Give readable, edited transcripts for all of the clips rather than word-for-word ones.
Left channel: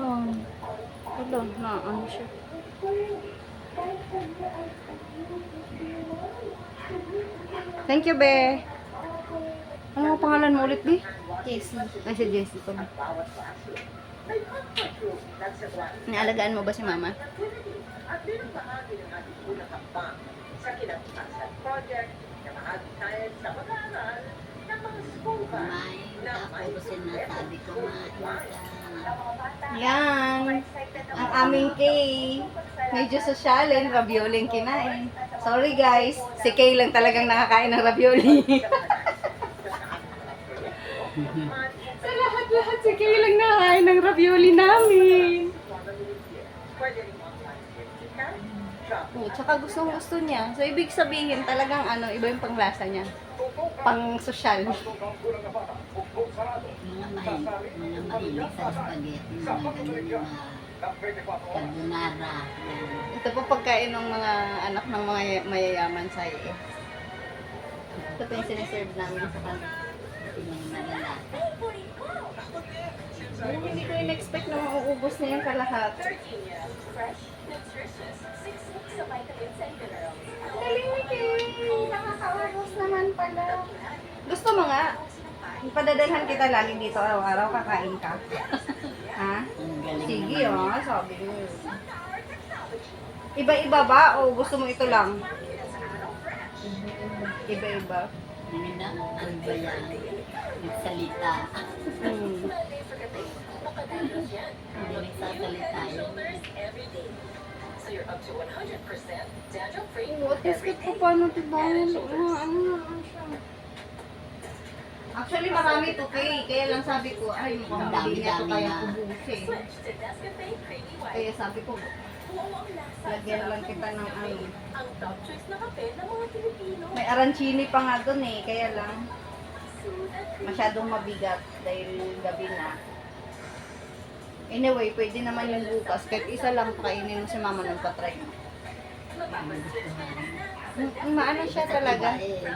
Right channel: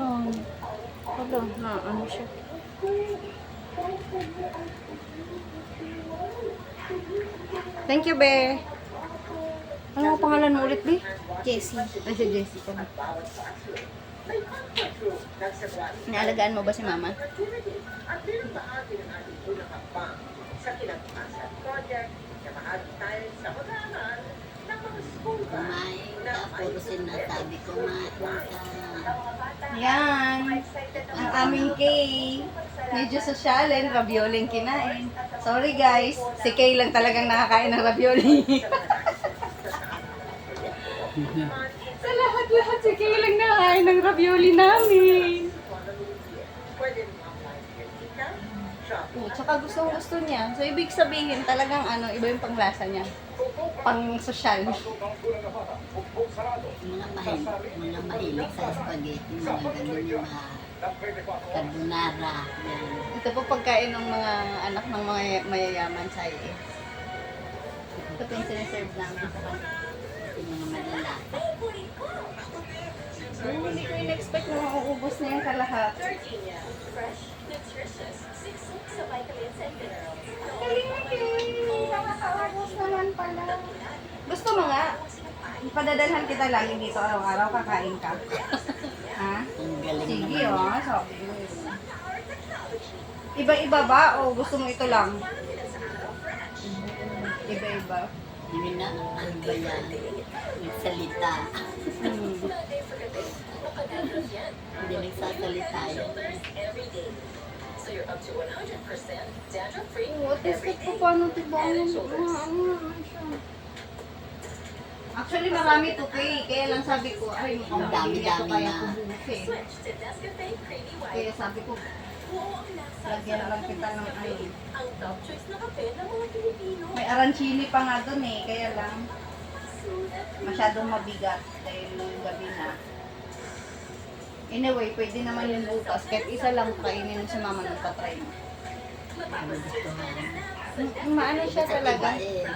Yan. Hala, na ano siya. Thank you, be. Ano ang pangalan mo ulit, be? Jessie. Ah, si Jessica. Inaalagaan mo ba si mama? Sa kinabukasan project na mahagi tayo sa pag-aaral ng mga school bus na Ako sinasabi ko nga. Yan. Ang aming Kay. Medyo sosyalin, ravioli ang kinain. Sorry guys, si Kay lang talagang nakakain ng ravioli. Sa lahat-lahat, si Kay lang nakakain ng ravioli namin. pwede rin apply with kita, shop, Oh, tsaka gusto niya. So, ibig sabihin talagang ano, iba yung panglasa niya. Pang sosyal. Mga mahilig sa spaghetti, mga ganun yung mga carbonara. Yan. Ito po pagkain ng mga anak ng mga mayayaman sa iyo. Ito po yung siniserve namin sa kanila. Yung maganda. Hindi ko in-expect na mauubos na yung kalahati. Fresh, nutritious, 6 weeks of vitamins and minerals. Galing na Kay! Nakakaubos naman pala. Gusto mo nga? Ipadadalhan kita lagi dito araw-araw, kakain ka. Ha? Ang galing Sige naman. oh, sabi mo. Iba-iba ba o gusto mo ito lang? Iba-iba. Hindi na ang bayan. Yung salita. Hmm. Hindi nagsasalita yun. So you're up to 100% dandruff-free. Oo, test ko pa paano tibangon. Ano naman siya. Actually, marami to Kay. Kaya lang sabi ko, ay mukhang hindi niya to Dami-dami kaya na. ubusin. Switch to Nescafe Creamy White. Kaya sabi ko, Buo ang lasa lagyan sa lang kita ng Nescafe. ano. Ang top choice na kape ng mga Pilipino. May arancini pa nga dun eh. Kaya lang, Smooth at creamy. masyadong mabigat dahil gabi na. Anyway, pwede naman yung bukas. Kahit isa lang kainin mo sa mama nung patry mo. Maano siya talaga.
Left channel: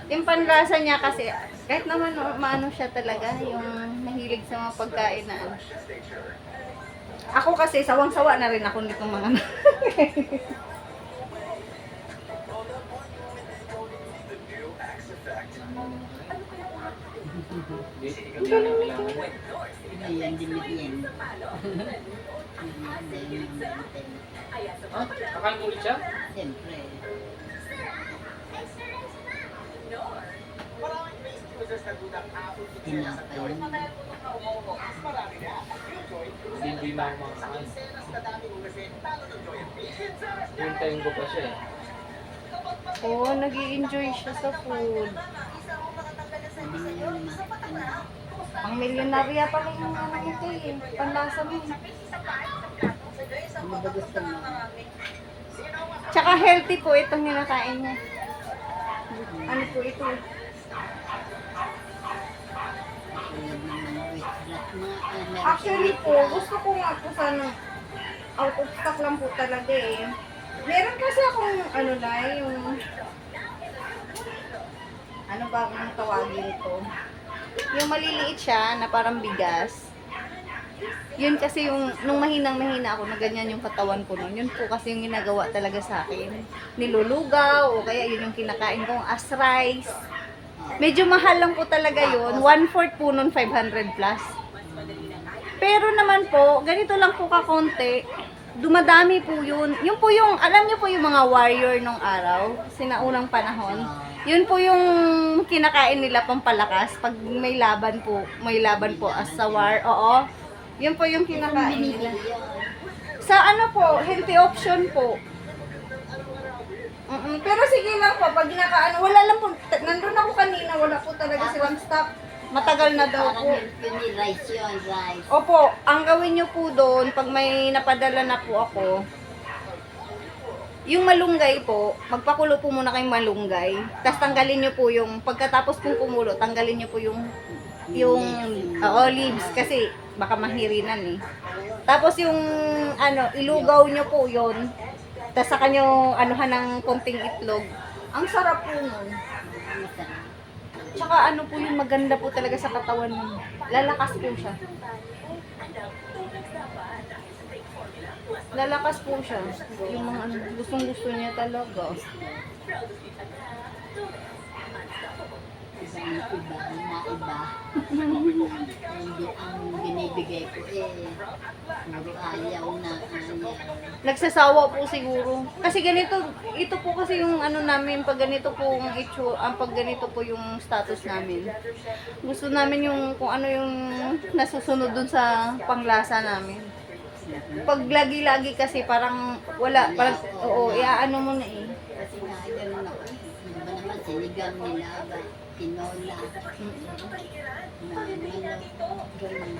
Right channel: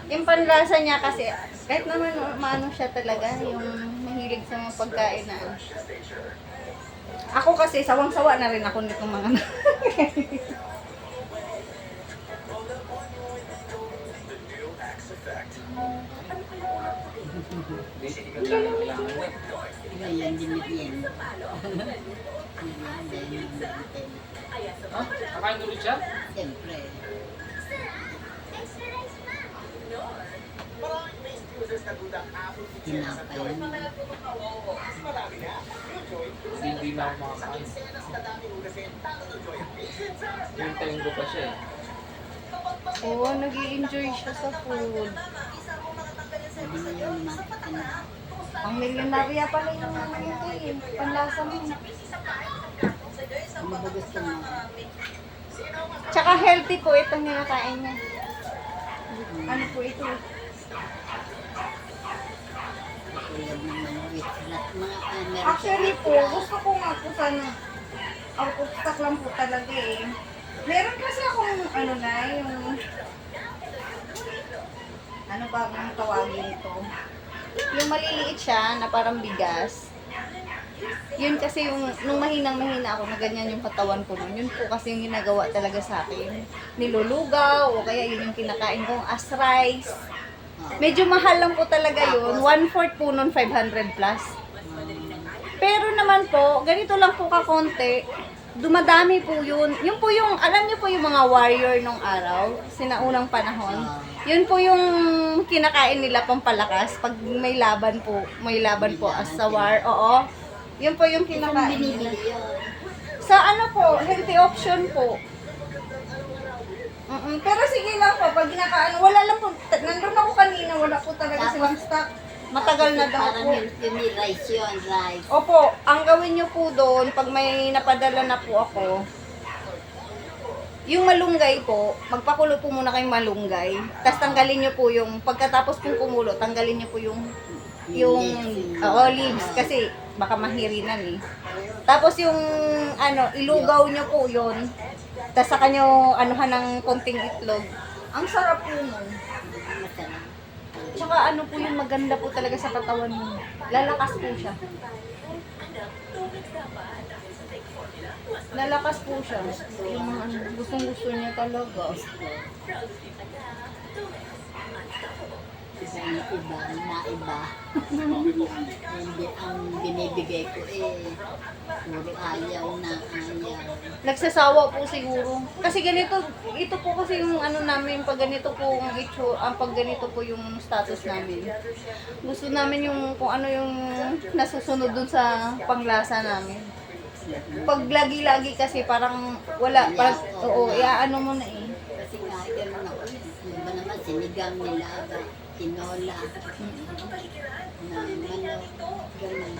Yung panlasa niya kasi, kahit naman maano siya talaga, yung mahilig sa mga pagkain na ano. Ako kasi, sawang-sawa na rin ako nitong mga Ngayon, dinigyan. Kakain ulit siya? Siyempre. maraming may users na gudang Apple Pixel sa Tinapay. Joy. Mas marami na. Enjoy. Hindi na ako makakain. Senas na daming ugasin, talo ng Joy ang pizza. Hintayin ko pa siya eh. Oo, nag-i-enjoy siya sa food. Sabi niya yung ano, Ang milyonarya pala yung ano ito eh. Panlasa mo. ano ba gusto mo? Tsaka healthy po itong kinakain niya. Ano po ito? Tulad ng mga wheat flour, mga meron Actually siyang po, wheat flour. gusto ko nga po sana out of stock lang po talaga eh. Meron kasi akong ano na, yung ano ba ang tawagin ito? Yung maliliit siya na parang bigas. Yun kasi yung, nung mahinang-mahina ako na ganyan yung katawan ko nun, yun po kasi yung ginagawa talaga sa akin. Nilulugaw, o kaya yun yung kinakain kong as rice. Medyo mahal lang po talaga yun. 1/4 po nun 500 plus. Pero naman po, ganito lang po kakonti. Dumadami po yun. Yun po yung, alam niyo po yung mga warrior nung araw, sinaunang panahon. Yun po yung kinakain nila pampalakas pag may laban po as sa war. Oo. Yun po yung kinakain nila. Sa ano po, healthy option po. Pero sige lang po, pag ginakaano, wala lang po, nandun ako kanina, wala po talaga silang stock. Matagal na daw Parang po. healthy ni rice yun, rice. Opo, ang gawin nyo po doon, pag may napadala na po ako, yung malunggay po, magpakulo po muna kayong malunggay. Tapos tanggalin nyo po yung, pagkatapos pong kumulo, tanggalin nyo po yung leaves, kasi baka mahirinan eh. Tapos yung, ano, ilugaw nyo po yun. Tapos saka nyo, anuhan ng konting itlog. Ang sarap po nun. Masarap. Tsaka ano po yung maganda po talaga sa katawan mo. Lalakas po siya. Ang tubig dapat dahil sa Lalakas po siya. Yung mga ano, gustong-gusto niya talaga. Iba, na iba. Hindi, ang binibigay ko puro ayaw na ayaw. Nagsasawa po siguro. Kasi ganito, ito po kasi yung ano namin, pag ganito po pag ganito po yung status namin. Gusto namin yung kung ano yung nasusunod dun sa panglasa namin. Pag lagi-lagi kasi parang wala, parang, oo, iaano mo na eh. Kasi nga, ganun ako. Yung ba naman, sinigang nila, tinola, na manok, ganun.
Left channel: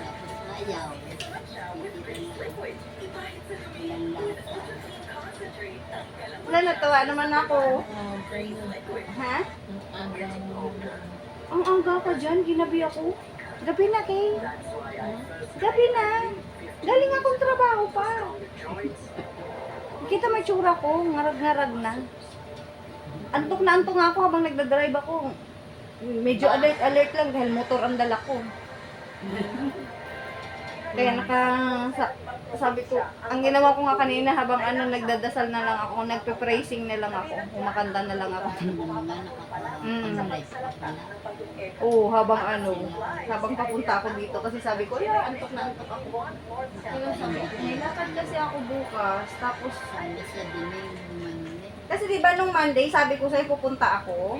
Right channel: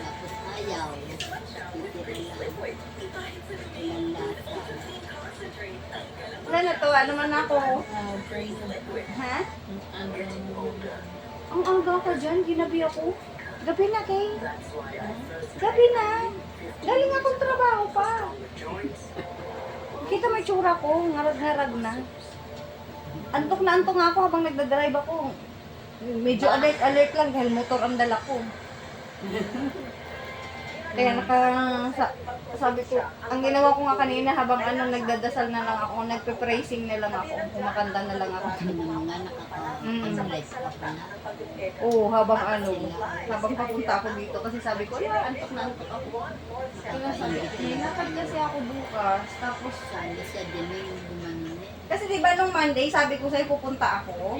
Tapos ayaw. Ilan lasa. Wala, natawa naman ako. Ha? Ang aga ka dyan, ginabi ako. Gabi na, Kay. Gabi na. Galing akong trabaho pa. Kita may tsura ko, ngarag-ngarag na. Antok na antok nga ako habang nagdadrive ako. Medyo alert lang dahil motor ang dala ko. Kaya sabi ko, ang ginawa ko nga kanina habang nagdadasal na lang ako, nagpe-praising na lang ako, kumakanta na lang ako. Ano naman nga, nakapag-live pa pala. Oo, habang papunta ako dito kasi sabi ko, antok na antok ako. Kaya sabi ko, may lakad kasi ako bukas, tapos, Sana siya din yung kasi di ba nung Monday, sabi ko sa'yo pupunta ako.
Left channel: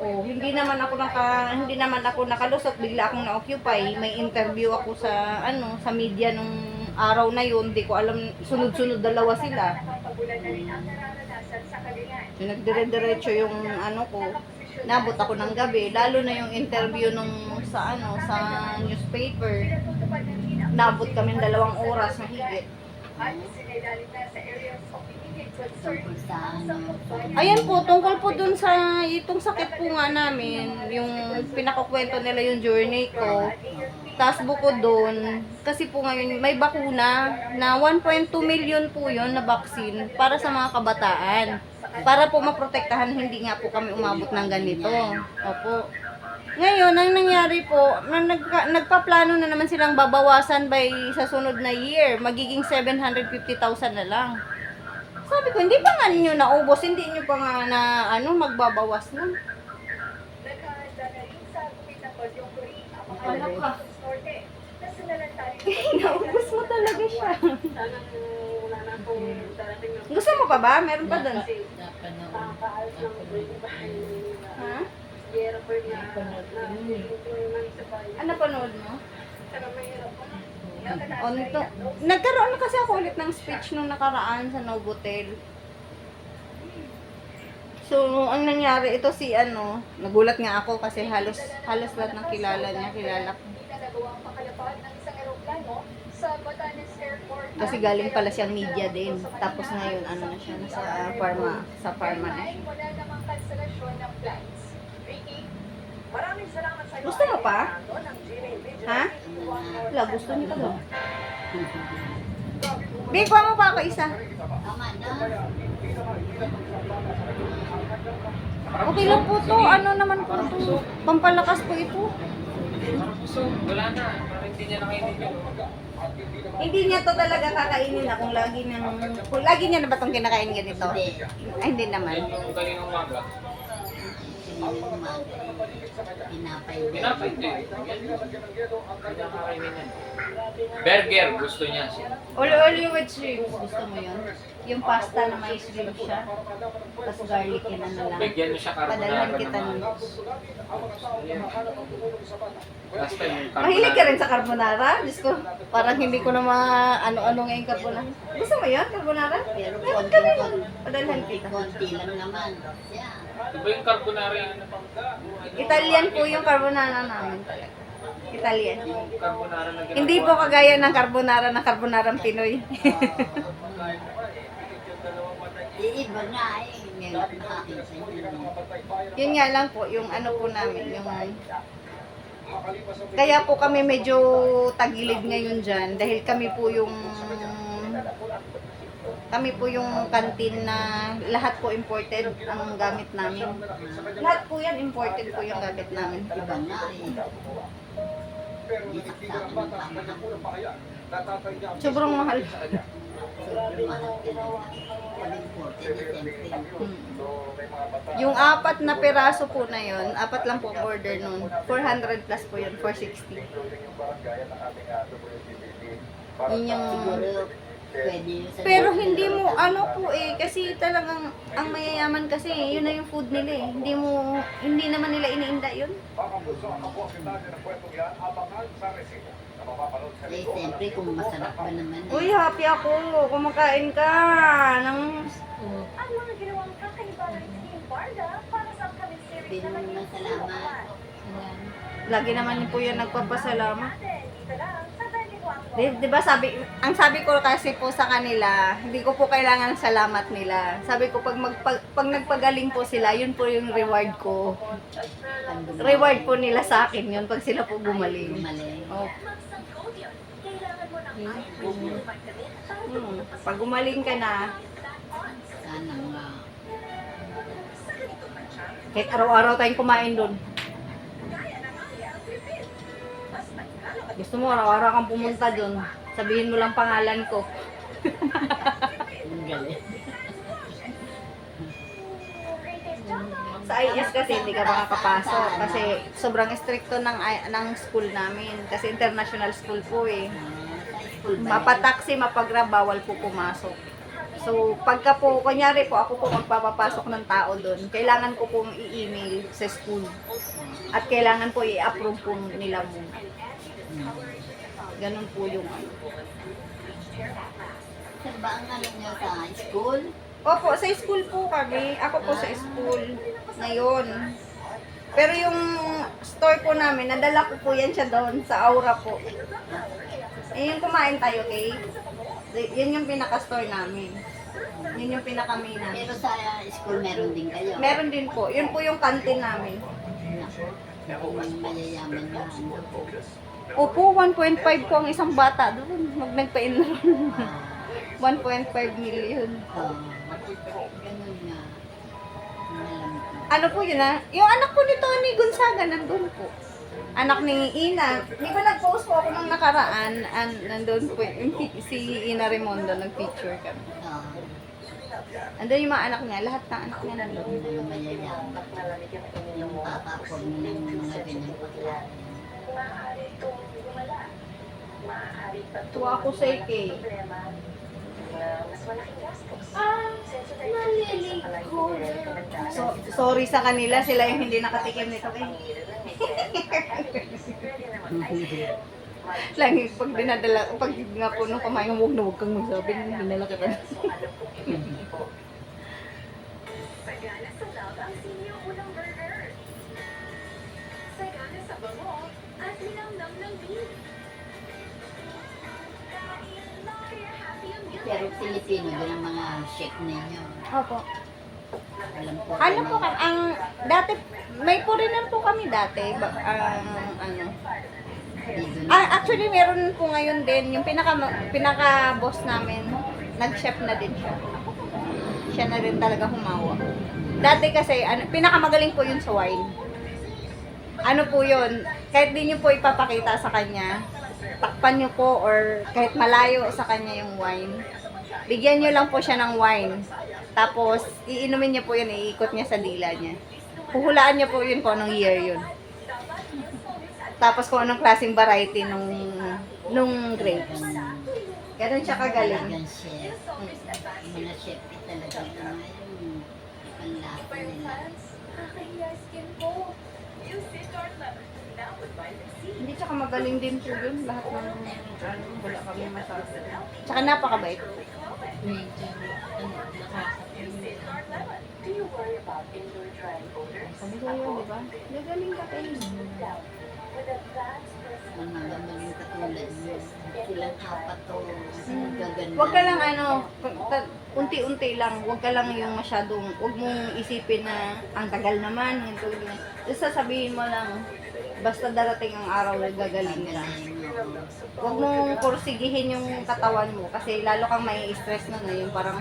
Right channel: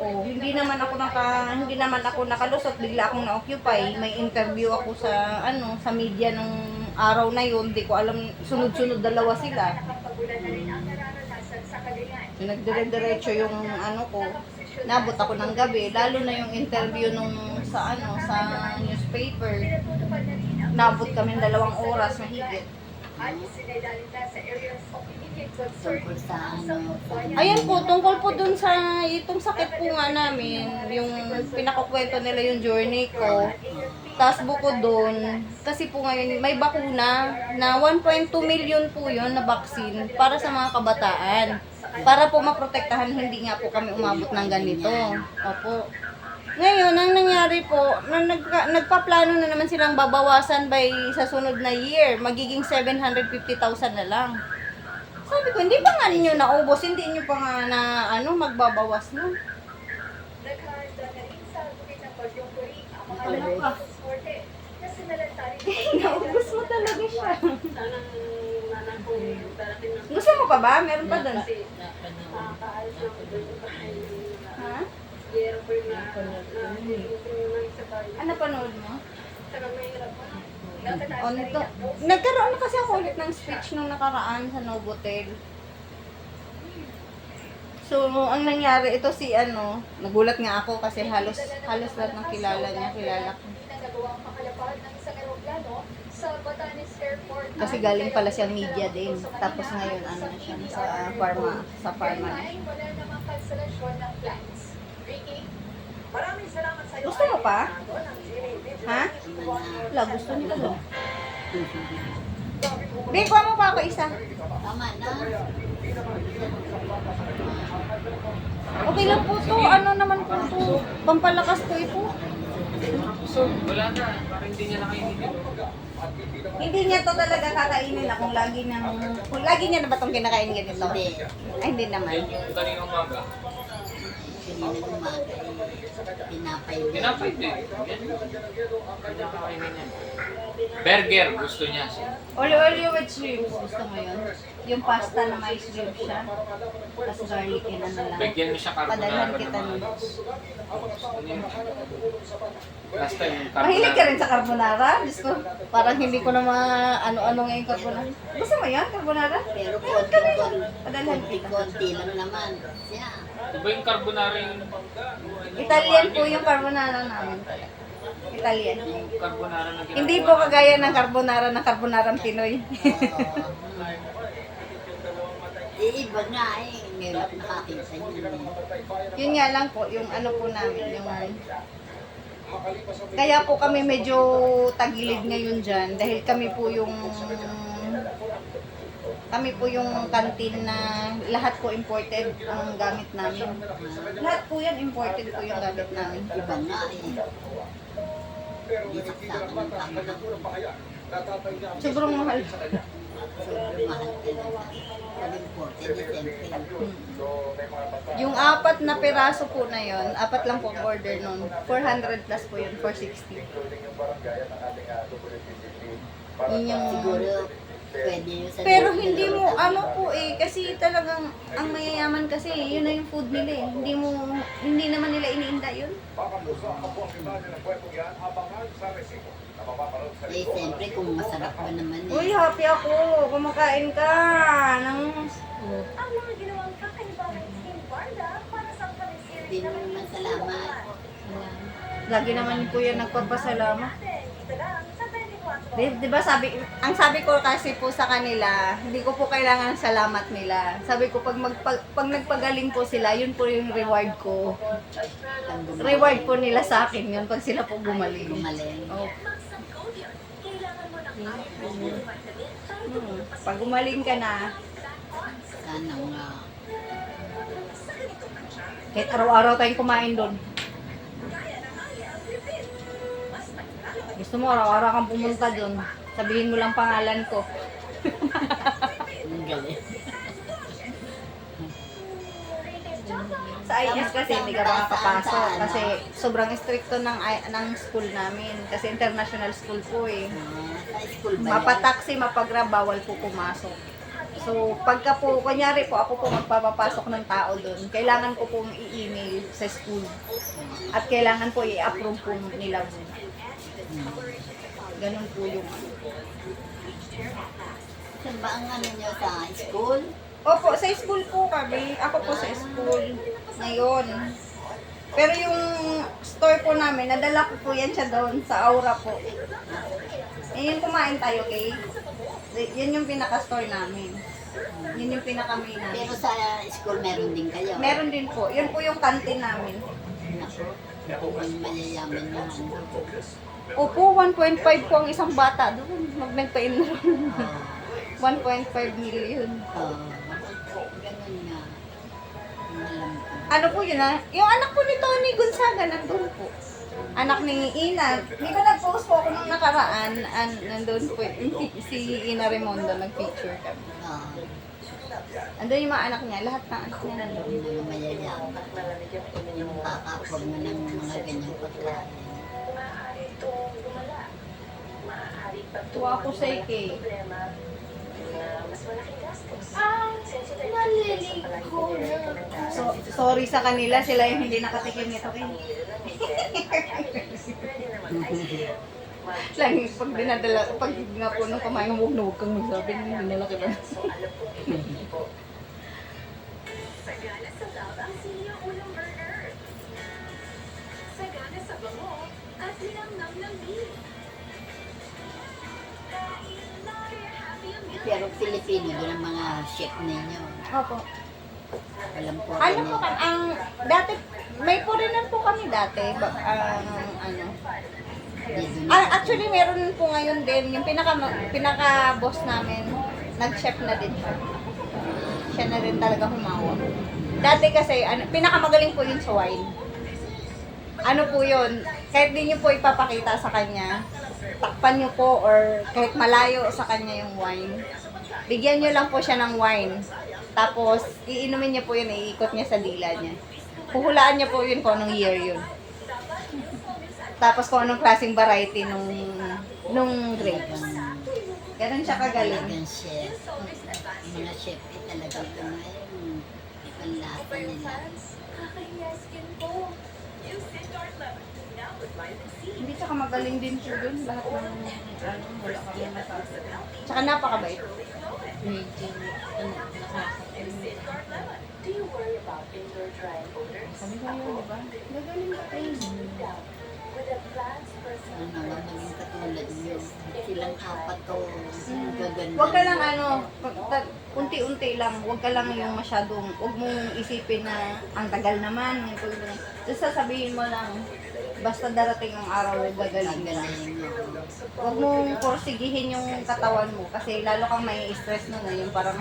Oh, hindi naman ako nakalusot, bigla akong na-occupy. May interview ako sa sa media nung araw na yun. Hindi ko alam, sunod-sunod dalawa sila. Nagdire-diretso yung ko. Nabot ako ng gabi, lalo na yung interview nung sa newspaper. Nabot kami 2 oras na higit. tungkol sa Ayan po, tungkol po dun sa itong sakit po nga namin, yung pinakukwento nila yung journey ko. Tapos bukod dun, kasi po ngayon may bakuna na 1.2 million po yun na vaccine para sa mga kabataan. Para po maprotektahan, hindi nga po kami umabot ng ganito. Opo. Ngayon, ang nangyari po, nagpaplano na naman silang babawasan sa sunod na year. Magiging 750,000 na lang. Sabi ko, hindi pa nga ninyo naubos, hindi nyo pa nga na magbabawas na. Ano ka? Naubos mo talaga siya. Gusto mo pa ba? Meron pa doon. Ha? Ano panood mo? O nito, nagkaroon kasi ako ulit ng speech nung nakaraan sa Novotel. So, ang nangyari, ito si nagulat nga ako kasi halos lahat ng kilala ko. Kasi galing pala siyang media din. Tapos ngayon, na siya, sa pharma na siya. Maraming salamat sa iyo. Gusto mo pa? Ha? Wala, gusto nito lang. Di, kuha mo pa ako isa. tama na. Okay lang po to. Ano naman po to? Pampalakas po ito. So, wala na. Parang hindi niya nakainin yun. Hindi niya to talaga kakainin na kung lagi niya na ba itong kinakain ganito? Hindi. Ay, hindi naman. Yan yung kaninang umaga. Kanina umaga pinapay din. Pinapay din. Yan. Kanya kakainin yan. Burger, gusto niya siya. Olio with shrimp. Gusto mo yun? Yung pasta na may shrimp siya. Tapos garlic yun na lang. Bigyan mo siya carbonara Padalhan kita naman. nun. Last time yung Mahilig ka rin sa carbonara? Diyos ko, parang hindi ko na ano-ano ngayon carbonara. Gusto mo yan, carbonara? Pero Padalhan kita. konti lang naman siya. Diba yung carbonara yung Italian po yung carbonara namin. Italian. yung carbonara na ginagawa? Hindi po kagaya ng carbonarang Pinoy. Iiba nga meron nakakita sa inyo. Yun nga lang po, yung po namin, yung... Kaya po kami medyo tagilid ngayon dyan dahil kami po yung kantin na lahat po imported ang gamit namin. Lahat po yan imported po yung gamit namin. Iba nga Isak sa akin ng pamahal. Sobrang mahal. Sobrang mahal talaga. Labing 40 December. Yung 4 na peraso po na yon, 4 lang po ang order nun. 400 plus po yun, 460. Yun yung... Siguro, pwede yun sa Pero hindi mo, ano po kasi talagang ang mayayaman kasi, yun na yung food nila eh. Hindi naman nila iniinda yun. Eh, siyempre, kung masarap ba naman Uy, eh. happy ako. Kumakain ka ng... Ang mga ginawang kakaiba ng Team Barda para sa upcoming series Sabihin mo naman salamat. Lagi naman po yun nagpapasalamat. Dito lang sa 24. Di ba ang sabi ko kasi po sa kanila, hindi ko po kailangan salamat nila. Sabi ko pag nagpagaling po sila, yun po yung reward ko. Reward po nila sa akin yun pag sila po gumaling. Gumaling. Oh. Mag-subcode yun. Kailangan mo ng vitamin para Pag gumaling ka na, Sana nga. kahit araw-araw tayong kumain doon. Gusto mo araw-araw kang pumunta doon. Sabihin mo lang pangalan ko. Ang galing. Sa IS kasi hindi ka makakapasok kasi sobrang stricto ng school namin kasi international school po eh. Sa school ba yan? Mapataksi, mapagrab, bawal po pumasok. So, pagka po, kunyari po, ako po magpapapasok ng tao doon, kailangan ko po i-email sa school. At kailangan po i-approve po nila mo. Ganun po yung Saan ba ang ano nyo sa school? Opo, sa school po kami. Ako po sa school ngayon. Pero yung store po namin, nadala ko po yan siya doon sa Aura po. Yung kumain tayo, okay? Yan yung pinaka-store namin. Yun yung pinaka-main namin. Pero sa school meron din kayo. Meron din po. Yun po yung canteen namin. Kung mayayaman yung ano. Opo, 1.5 po ang isang bata doon. Nagpa-enroll. 1.5 million. Ganun nga. Ang alam ko. Ano po yun yung anak po ni Tony Gonzaga nandun po. Anak ni Ina. Di ba nag-post po ako nung nakaraan? Nandun po si Ina Raimondo, nag-picture kami. Andun yung mga anak niya, lahat ng anak niya nandun. Yung mga mayayaman. Yung kakapon mo ng mga ganyang pagkain. Maaari itong gumala. Maaari pa itong Tuwa ako sa Ike. problema na mas malaking gastos. Sensitive Naliliko sorry sa kanila, sila yung hindi nakatikim nito. Lagi pag dinadala, pag nga po nung kumain, huwag kang magsabi, dinala kita. Sagana sa love ang senior unang burger. Sagana sa bango at linamnam ng beef. Pero Pilipino din ang mga chef ninyo. Opo. Alam ko. Ano po kami, dati, may foreigner po kami dati, ano. Dito na. Actually, meron po ngayon din, yung pinaka-boss namin, nag-chef na din siya. Siya na din talaga humawak. Dati kasi, pinakamagaling po yun sa wine. Ano po yun, kahit di niyo po ipapakita sa kanya, takpan niyo po or kahit malayo sa kanya yung wine, bigyan niyo lang po siya ng wine. Tapos, iinumin niya po yun, iikot niya sa dila niya. Huhulaan niya po yun kung anong year yun. Tapos kung anong klaseng variety nung grapes. Ganun siya kagaling. Talagang chef. Yung mga chef eh talagang ngayon. Ang lasa nila. Kakahiya skin ko. Use Safeguard Lemon. Now with vitamin C. Hindi tsaka magaling din po yun. Lahat ng wala kami masabi. Tsaka napakabait. Safeguard Lemon. Do you worry about indoor drying odors? Kami ko yun, di ba? Gagaling ka kayo. With advanced personal Ang mga maging katulad nyo. Silang apat to. Gaganda. Huwag ka lang unti-unti lang. Huwag ka lang yung masyadong, huwag mong isipin na ang tagal naman. Just sasabihin mo lang, basta darating ang araw, gagaling ka. Huwag mong porsigihin yung katawan mo kasi lalo kang may stress nun na yung parang,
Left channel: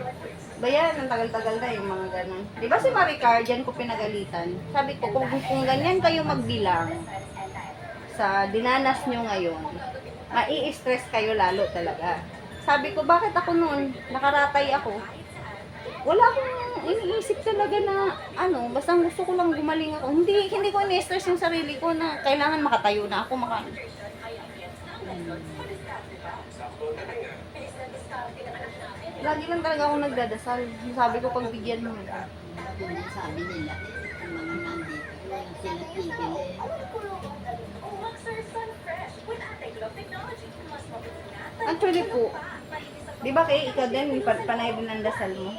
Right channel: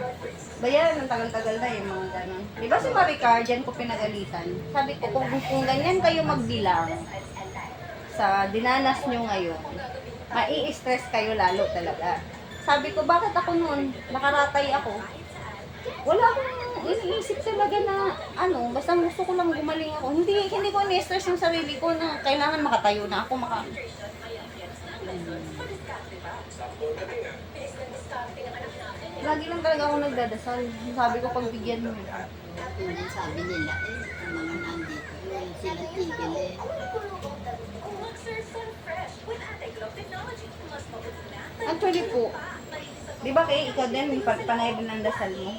bayan, ang tagal-tagal na yung mga ganun. Di ba si Maricar, dyan ko pinagalitan. Sabi ko, kung ganyan kayo magbilang, sa dinanas nyo ngayon, mai-stress kayo lalo talaga. Sabi ko, bakit ako noon, nakaratay ako? Wala akong iniisip talaga na, basta gusto ko lang gumaling ako. Hindi ko ini-stress yung sarili ko na kailangan makatayo na ako, Lagi lang talaga ako nagdadasal. Sabi ko, pagbigyan mo. Yun ang sabi nila ang mga nandito, yung sila tigil Luxer Sunfresh with anti-glow technology. Mas mabuti na. Actually po, di ba kay ikaw din, panay din ang dasal mo?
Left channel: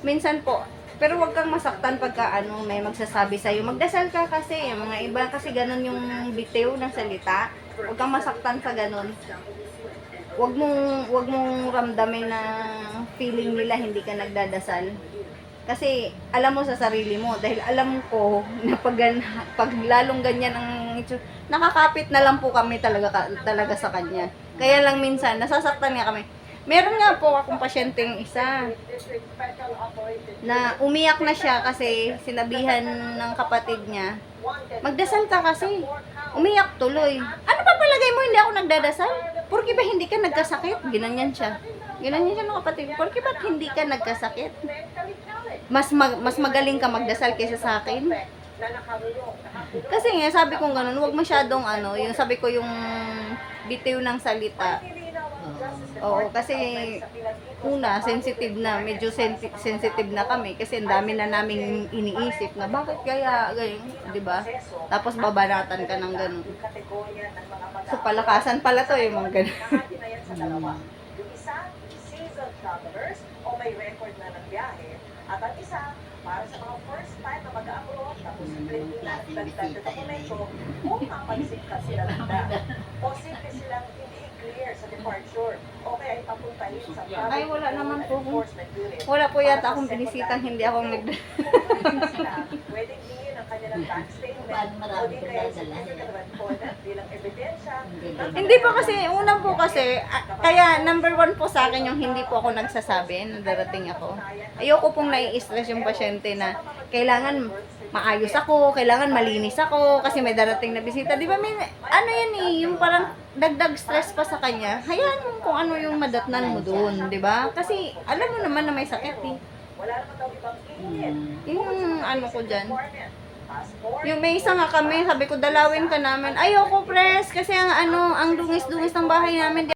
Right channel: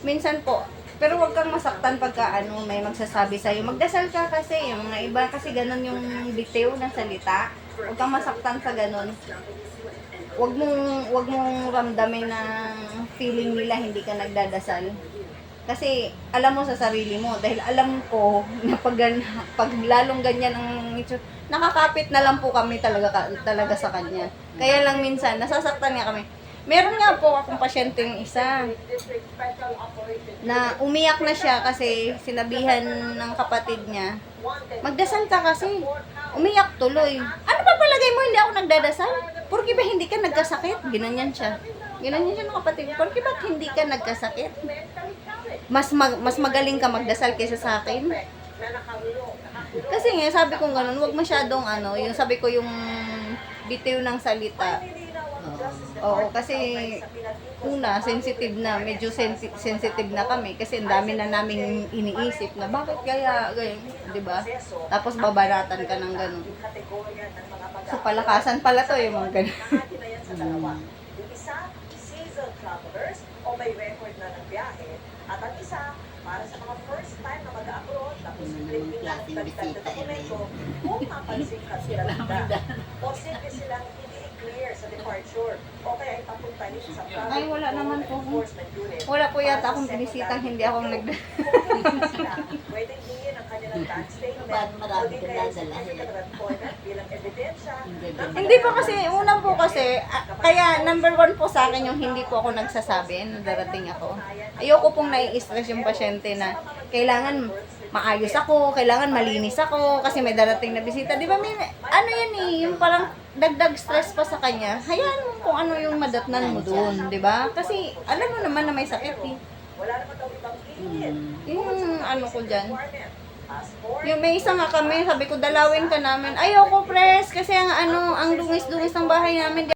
Minsan po, pero wag kang masaktan pagka may magsasabi sa'yo. Magdasal ka kasi, yung mga iba kasi ganun yung bitiw ng salita. Wag kang masaktan sa ganun. Wag mong ramdamin na feeling nila hindi ka nagdadasal. Kasi alam mo sa sarili mo, dahil alam ko na pag lalong ganyan ang nakakapit na lang po kami talaga sa kanya. Kaya lang minsan, nasasaktan nga kami. Meron nga po akong pasyenteng isa na umiyak na siya kasi sinabihan ng kapatid niya, magdasal ka kasi. Umiyak tuloy. Ano pa palagay mo hindi ako nagdadasal? Porque ba hindi ka nagkasakit? Ginanyan siya. Ginanyan siya ng kapatid. Porque ba't hindi ka nagkasakit? Mas magaling ka magdasal kaysa sa akin. Kasi nga, sabi ko ganun, huwag masyadong yung sabi ko yung bitiw ng salita. Oo, kasi una, sensitive na, medyo sensitive na kami kasi ang dami na namin iniisip na bakit kaya ganyan, di ba? Tapos babaratan ka ng ganun. So palakasan pala to yung mga ganun. Yung isa, seasoned travelers o may record na ng biyahe. At ang isa, para sa mga first time na mag-abroad, tapos bringing na ng dagdag na dokumento, kung mapansin ka sila nagda. Posible silang hindi clear sa departure o kaya ipapuntahin sa Ay, wala naman po. enforcement unit. Wala po yata akong binisitan, hindi ako Kung hindi sila, pwedeng hingin ang kanilang bank statement Bakit o marami di ka kaya dadalhin? certificate of employment bilang ebidensya. Hindi po kasi, unang po kasi, kaya number 1 po sa akin yung hindi po ako nagsasabi na darating ako. Ayoko pong nai-stress yung pasyente na kailangan maayos ako, kailangan malinis ako, kasi may darating na bisita. Di ba may, yan yung parang dagdag stress pa sa kanya. Hayaan mo kung ano yung madatnan mo doon, di ba? Kasi alam mo naman na may sakit eh. Wala naman daw ibang hingin. Yung ko dyan. Requirement. Passport. Yung may isa nga kami, sabi ko dalawin ka namin. Ayoko pres, kasi ang dungis-dungis ng bahay namin.